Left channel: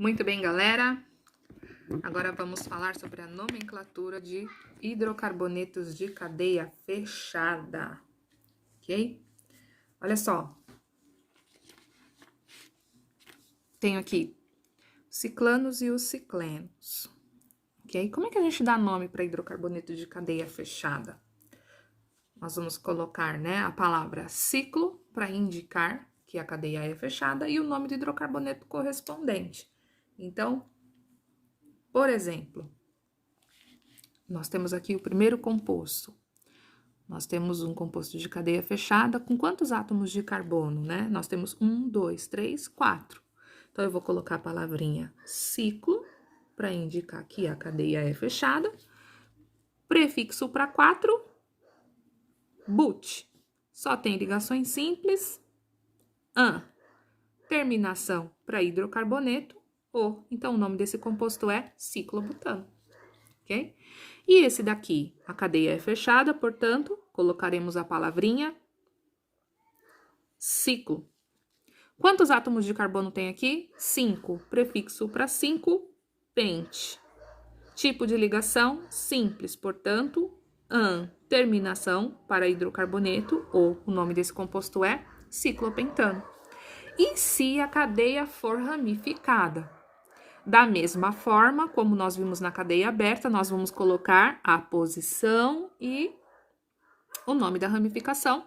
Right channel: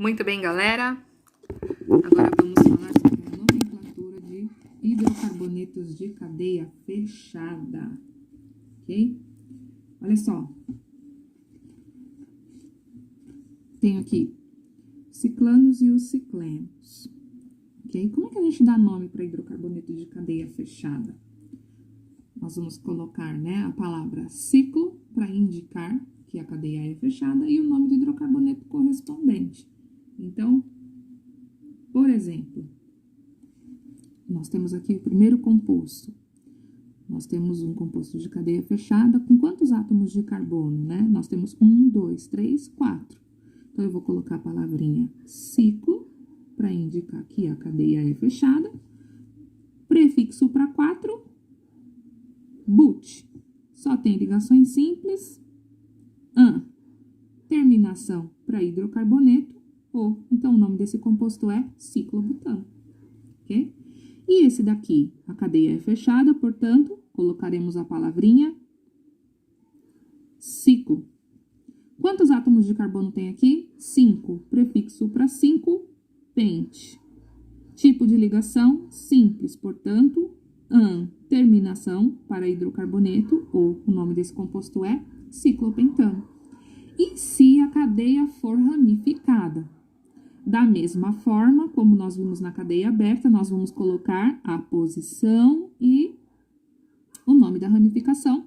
Muito bem, galera. Agora vamos falar sobre a nomenclatura de hidrocarbonetos de cadeia fechada, ok? Olha só. Tenho aqui os ciclanos e os ciclenos, ok? Como é que a gente dá nome para hidrocarboneto de cadeia fechada? Nós vamos colocar, né, a palavra ciclo para indicar que a cadeia é fechada e o nome do hidrocarboneto correspondente. Então, por exemplo, nós temos aqui o primeiro composto. Nós temos um composto de cadeia fechada com quantos átomos de carbono, né? Nós temos 1, 2, 3, 4. Então, eu vou colocar a palavrinha ciclo para indicar que a cadeia é fechada. Prefixo para 4, but. Só tem ligações simples. An. Terminação para hidrocarboneto. O. Então, o nome desse composto é ciclobutano, ok? E esse daqui, a cadeia é fechada, portanto, colocaremos a palavrinha ciclo. Quantos átomos de carbono tem aqui? 5. Prefixo para 5, pente. Tipo de ligação, simples, portanto, an. Terminação para hidrocarboneto, ou o nome desse composto é ciclopentano. E se a cadeia for ramificada? Da mesma forma, como nós vimos na cadeia aberta, nós vamos colocar a posição e o nome da ramificação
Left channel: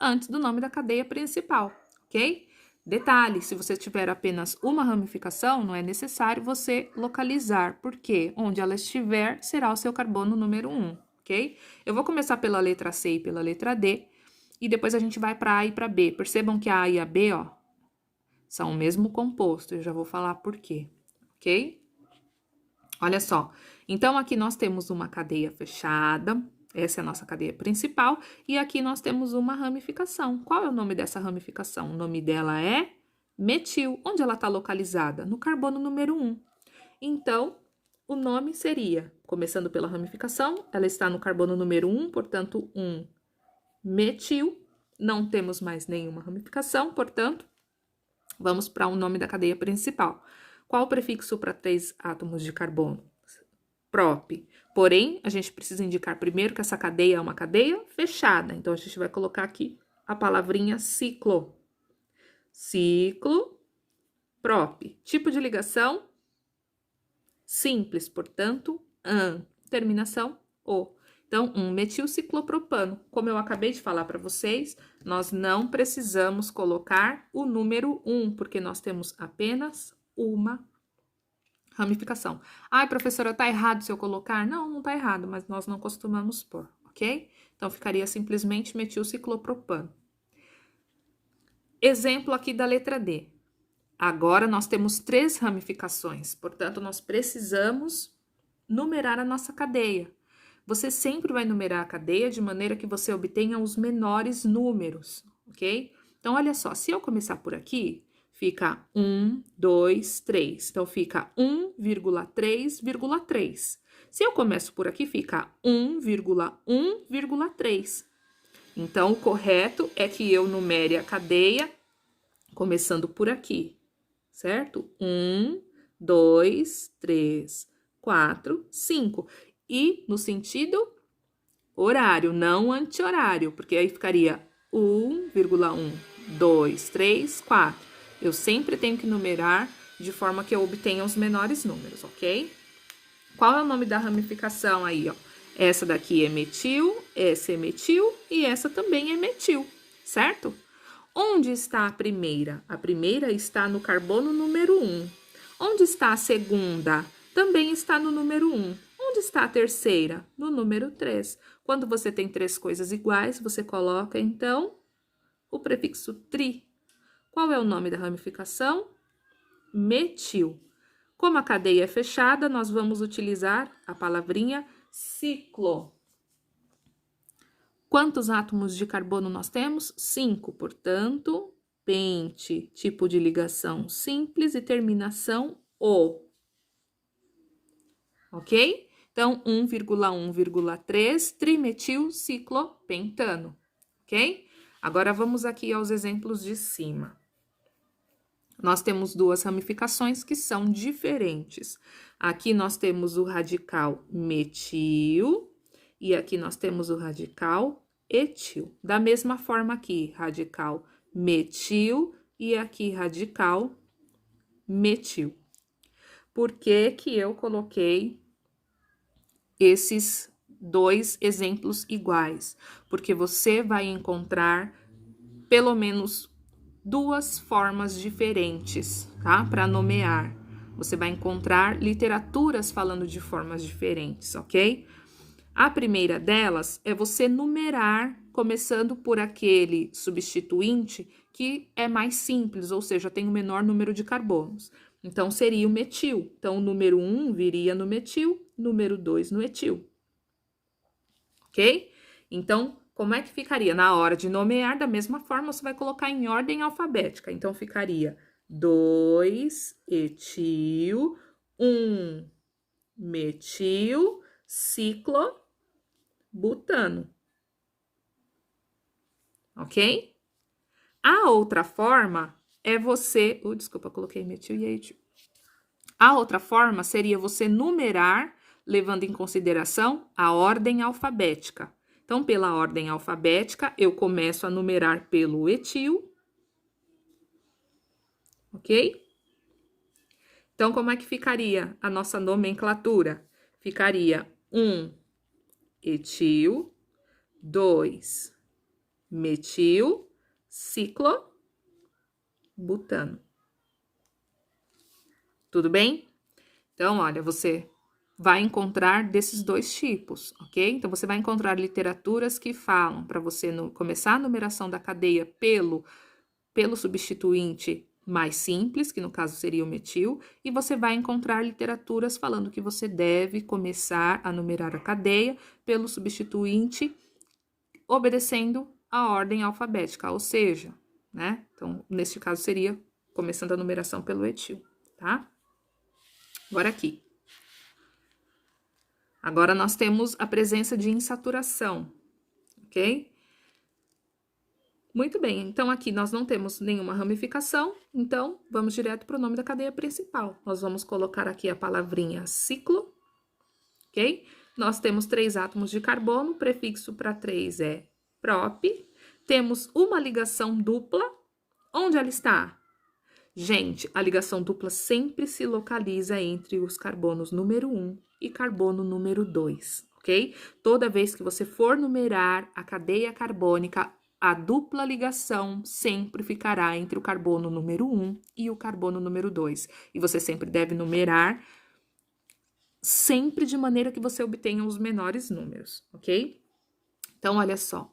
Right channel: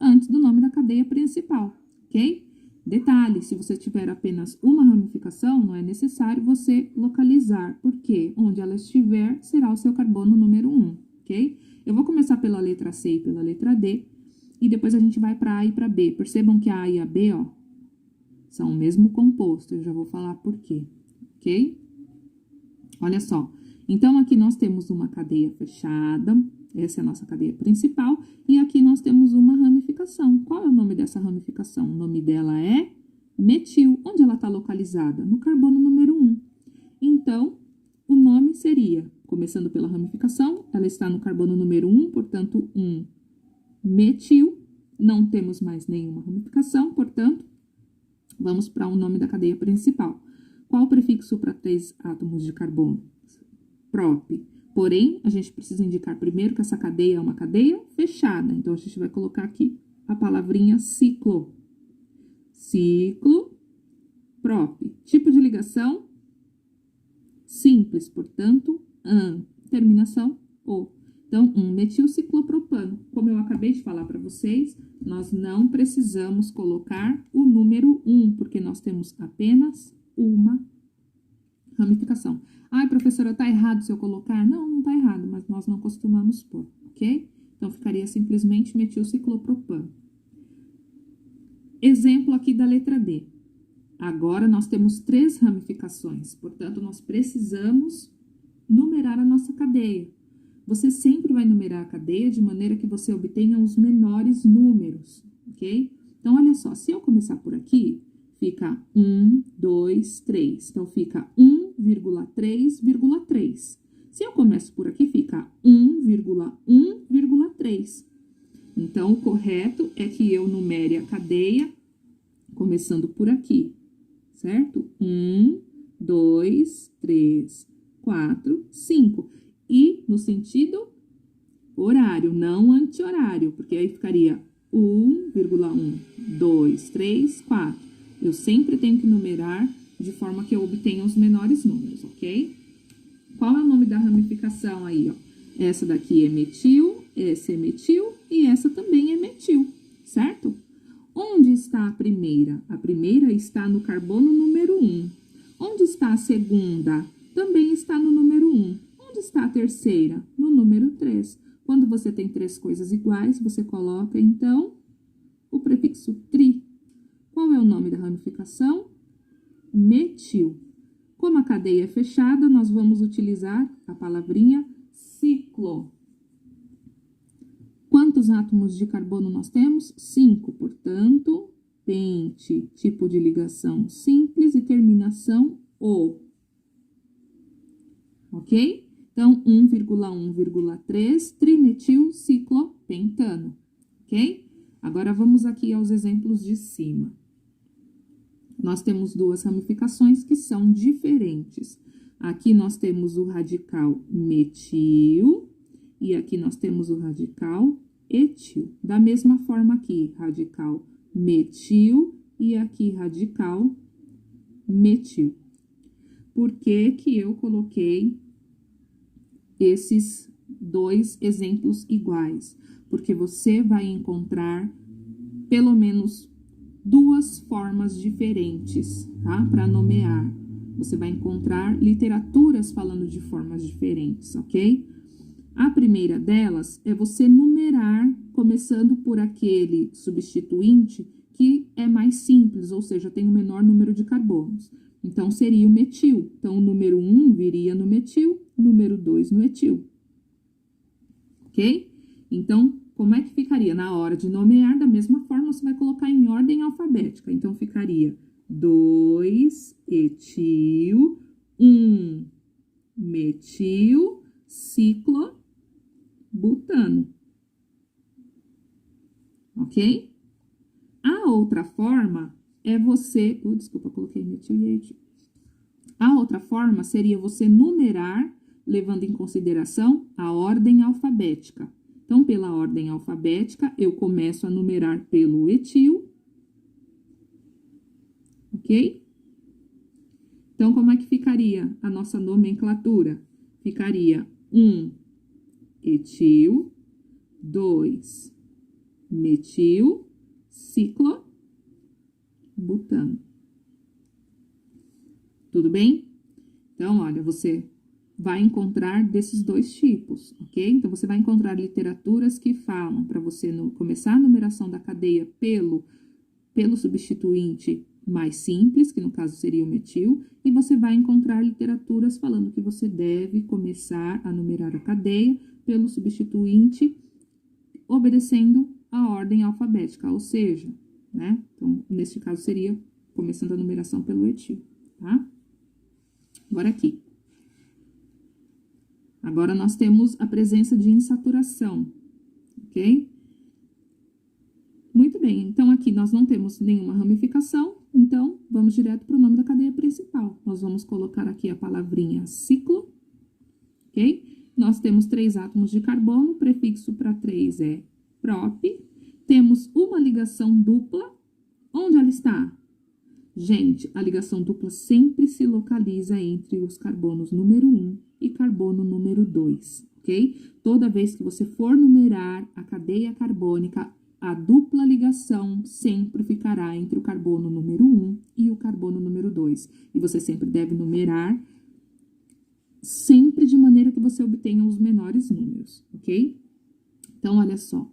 antes do nome da cadeia principal, ok? Detalhe, se você tiver apenas uma ramificação, não é necessário você localizar, porque onde ela estiver, será o seu carbono número 1, ok? Eu vou começar pela letra C e pela letra D, e depois a gente vai para A e para B. Percebam que a A e a B, ó, são o mesmo composto, eu já vou falar por quê. Ok? Olha só. Então, aqui nós temos uma cadeia fechada, essa é a nossa cadeia principal, e aqui nós temos uma ramificação. Qual é o nome dessa ramificação? O nome dela é metil. Onde ela está localizada? No carbono número 1. Então, o nome seria, começando pela ramificação, ela está no carbono número 1, portanto, 1 metil. Não temos mais nenhuma ramificação, portanto, vamos para o nome da cadeia principal. Qual o prefixo para 3 átomos de carbono? Prop. Porém, a gente precisa indicar primeiro que essa cadeia é uma cadeia fechada. Então, a gente vai colocar aqui a palavrinha ciclo. Ciclo, prop. Tipo de ligação, simples, portanto, an. Terminação, o. Então, metilciclopropano. Como eu acabei de falar para vocês, nós não precisamos colocar o número 1, porque nós temos apenas uma ramificação. Ai, professora, tá errado se eu colocar? Não, não tá errado, mas nós não costumamos pôr, ok? Então, ficaria simplesmente metilciclopropano. Exemplo aqui da letra D. Agora, nós temos 3 ramificações, portanto, nós precisamos numerar a nossa cadeia. Você sempre vai numerar a cadeia de maneira que você obtenha os menores números, ok? Então, olha só, se eu começar por aqui, fica 1, 2, 3. Então, fica 1,3,3. Se eu começo por aqui, fica 1,1,3. Então, o correto é que eu numere a cadeia começando por aqui, certo? 1, 2, 3, 4, 5. E no sentido horário, não anti-horário, porque aí ficaria 1,1, 2, 3, 4. Eu sempre tenho que numerar de forma que eu obtenha os menores números, ok? Qual é o nome da ramificação aí, ó? Essa daqui é metil, essa é metil e essa também é metil, certo? Onde está a primeira? A primeira está no carbono número 1. Onde está a segunda? Também está no número 1. Onde está a terceira? No número 3. Quando você tem 3 coisas iguais, você coloca, então, o prefixo tri. Qual é o nome da ramificação? Metil. Como a cadeia é fechada, nós vamos utilizar a palavrinha ciclo. Quantos átomos de carbono nós temos? 5, portanto, pente. Tipo de ligação simples e terminação o. Ok? Então, 1,1,3 trimetilciclopentano, ok? Agora, vamos aqui aos exemplos de cima. nós temos duas ramificações que são diferentes. Aqui nós temos o radical metil e aqui nós temos o radical etil. Da mesma forma aqui, radical metil e aqui radical metil. Por que que eu coloquei esses dois exemplos iguais? Porque você vai encontrar pelo menos duas formas diferentes, tá? Para nomear. Você vai encontrar literaturas falando de formas diferentes, ok? A primeira delas é você numerar, começando por aquele substituinte que é mais simples, ou seja, tem o menor número de carbonos. Então, seria o metil. Então, o número 1 viria no metil, número 2 no etil. Ok? Então, como é que ficaria? Na hora de nomear, da mesma forma, você vai colocar em ordem alfabética. Então, ficaria 2 etil, 1 metil, ciclobutano. Ok? A outra forma é você... desculpa, coloquei metil e etil. A outra forma seria você numerar, levando em consideração a ordem alfabética. Então, pela ordem alfabética, eu começo a numerar pelo etil. Ok? Então, como é que ficaria a nossa nomenclatura? Ficaria 1 etil, 2 metil, ciclobutano. Tudo bem? Então, olha, você vai encontrar desses dois tipos, ok? Então, você vai encontrar literaturas que falam para você começar a numeração da cadeia pelo substituinte mais simples, que no caso seria o metil, e você vai encontrar literaturas falando que você deve começar a numerar a cadeia pelo substituinte obedecendo a ordem alfabética, ou seja, né? Então, neste caso seria começando a numeração pelo etil, tá? Agora aqui. Agora, nós temos a presença de insaturação, ok? Muito bem, então aqui nós não temos nenhuma ramificação, então vamos direto para o nome da cadeia principal. Nós vamos colocar aqui a palavrinha ciclo, ok? Nós temos 3 átomos de carbono, prefixo para 3 é prop. Temos uma ligação dupla. Onde ela está? Gente, a ligação dupla sempre se localiza entre os carbonos número 1 e carbono número 2, ok? Toda vez que você for numerar a cadeia carbônica, a dupla ligação sempre ficará entre o carbono número 1 e o carbono número 2. E você sempre deve numerar sempre de maneira que você obtenha os menores números, ok? Então, olha só.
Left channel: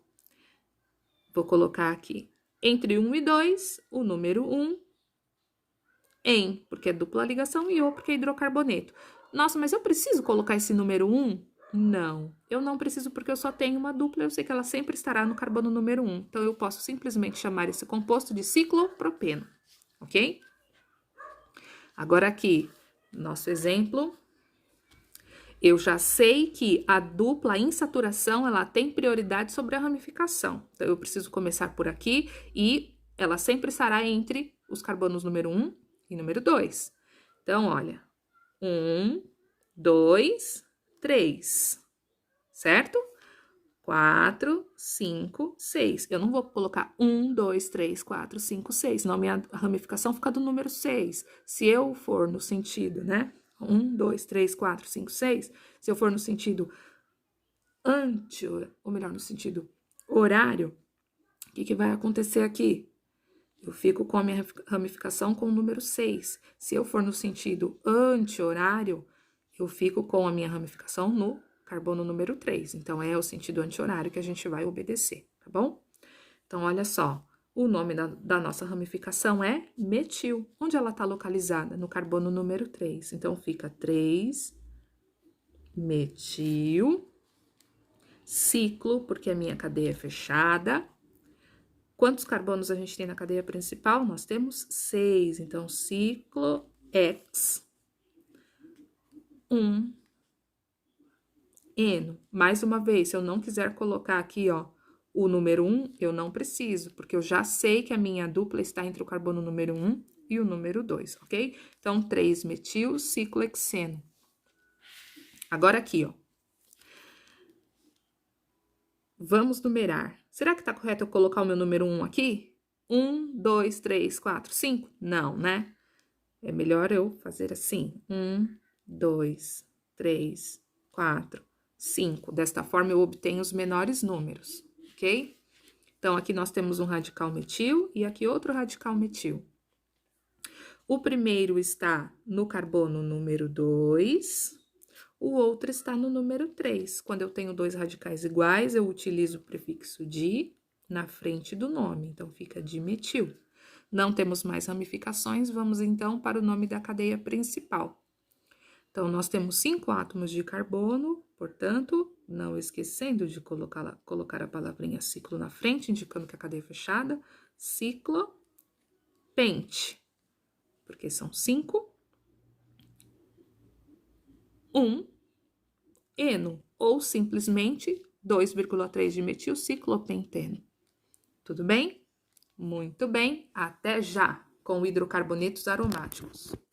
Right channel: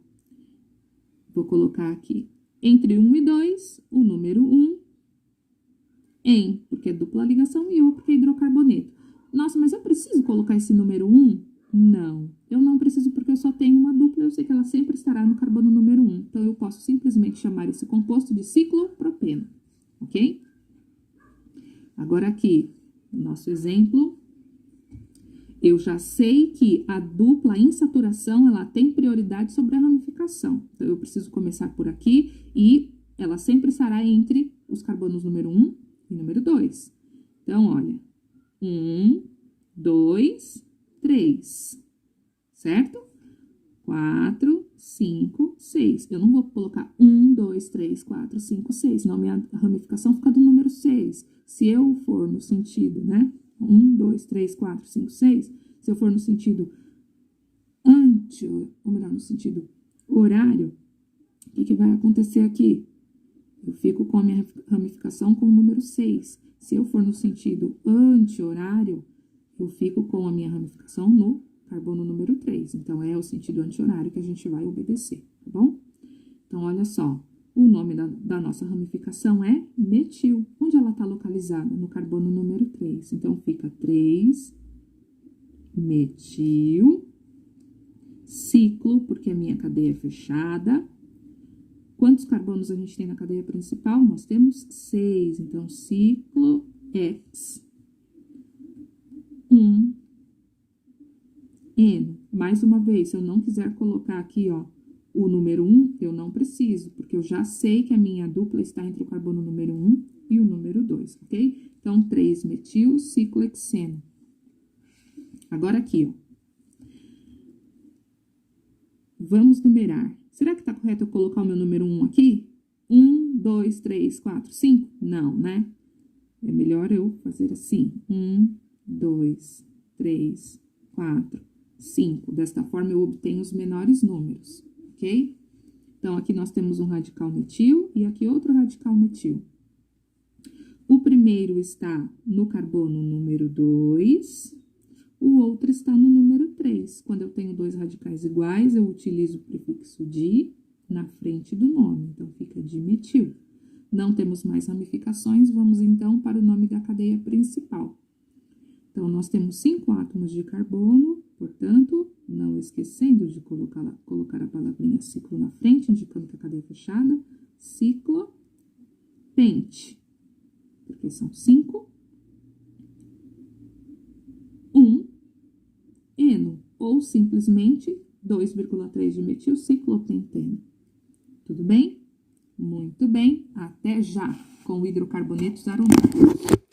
Vou colocar aqui entre 1 e 2, o número 1, em, porque é dupla ligação, e O, porque é hidrocarboneto. Nossa, mas eu preciso colocar esse número 1? Não, eu não preciso porque eu só tenho uma dupla, eu sei que ela sempre estará no carbono número 1. Então, eu posso simplesmente chamar esse composto de ciclopropeno, ok? Agora aqui, nosso exemplo, eu já sei que a dupla insaturação, ela tem prioridade sobre a ramificação. Então, eu preciso começar por aqui e ela sempre estará entre os carbonos número 1 e número 2. Então, olha, 1, 2, 3, certo? 4, 5, 6. Eu não vou colocar 1, 2, 3, 4, 5, 6, senão a minha ramificação fica do número 6. Se eu for no sentido, né? 1, 2, 3, 4, 5, 6. Se eu for no sentido ou melhor, no sentido horário, o que vai acontecer aqui? Eu fico com a minha ramificação com o número 6. Se eu for no sentido anti-horário, eu fico com a minha ramificação no carbono número 3. Então, é o sentido anti-horário que a gente vai obedecer, tá bom? Então, olha só. O nome da nossa ramificação é metil. Onde ela está localizada? No carbono número 3. Então, fica 3, metil, ciclo, porque a minha cadeia é fechada. Quantos carbonos a gente tem na cadeia principal? Nós temos 6. Então, ciclo X, 1, eno. Mais uma vez, se eu não quiser colocar aqui, ó, o número 1, eu não preciso, porque eu já sei que a minha dupla está entre o carbono número 1 e o número 2, ok? Então, 3-metilciclohexeno. Agora aqui, ó. Vamos numerar. Será que tá correto eu colocar o meu número 1 aqui? 1, 2, 3, 4, 5? Não, né? É melhor eu fazer assim. 1, 2, 3, 4, 5. Desta forma, eu obtenho os menores números, ok? Então, aqui nós temos um radical metil e aqui outro radical metil. O primeiro está no carbono número 2, o outro está no número 3. Quando eu tenho dois radicais iguais, eu utilizo o prefixo di na frente do nome, então fica dimetil. Não temos mais ramificações, vamos então para o nome da cadeia principal. Então, nós temos 5 átomos de carbono, portanto, não esquecendo de colocar a palavrinha ciclo na frente, indicando que a cadeia é fechada, ciclopente, porque são 5, 1 eno, ou simplesmente 2,3 de metilciclopenteno. Tudo bem? Muito bem, até já com hidrocarbonetos aromáticos.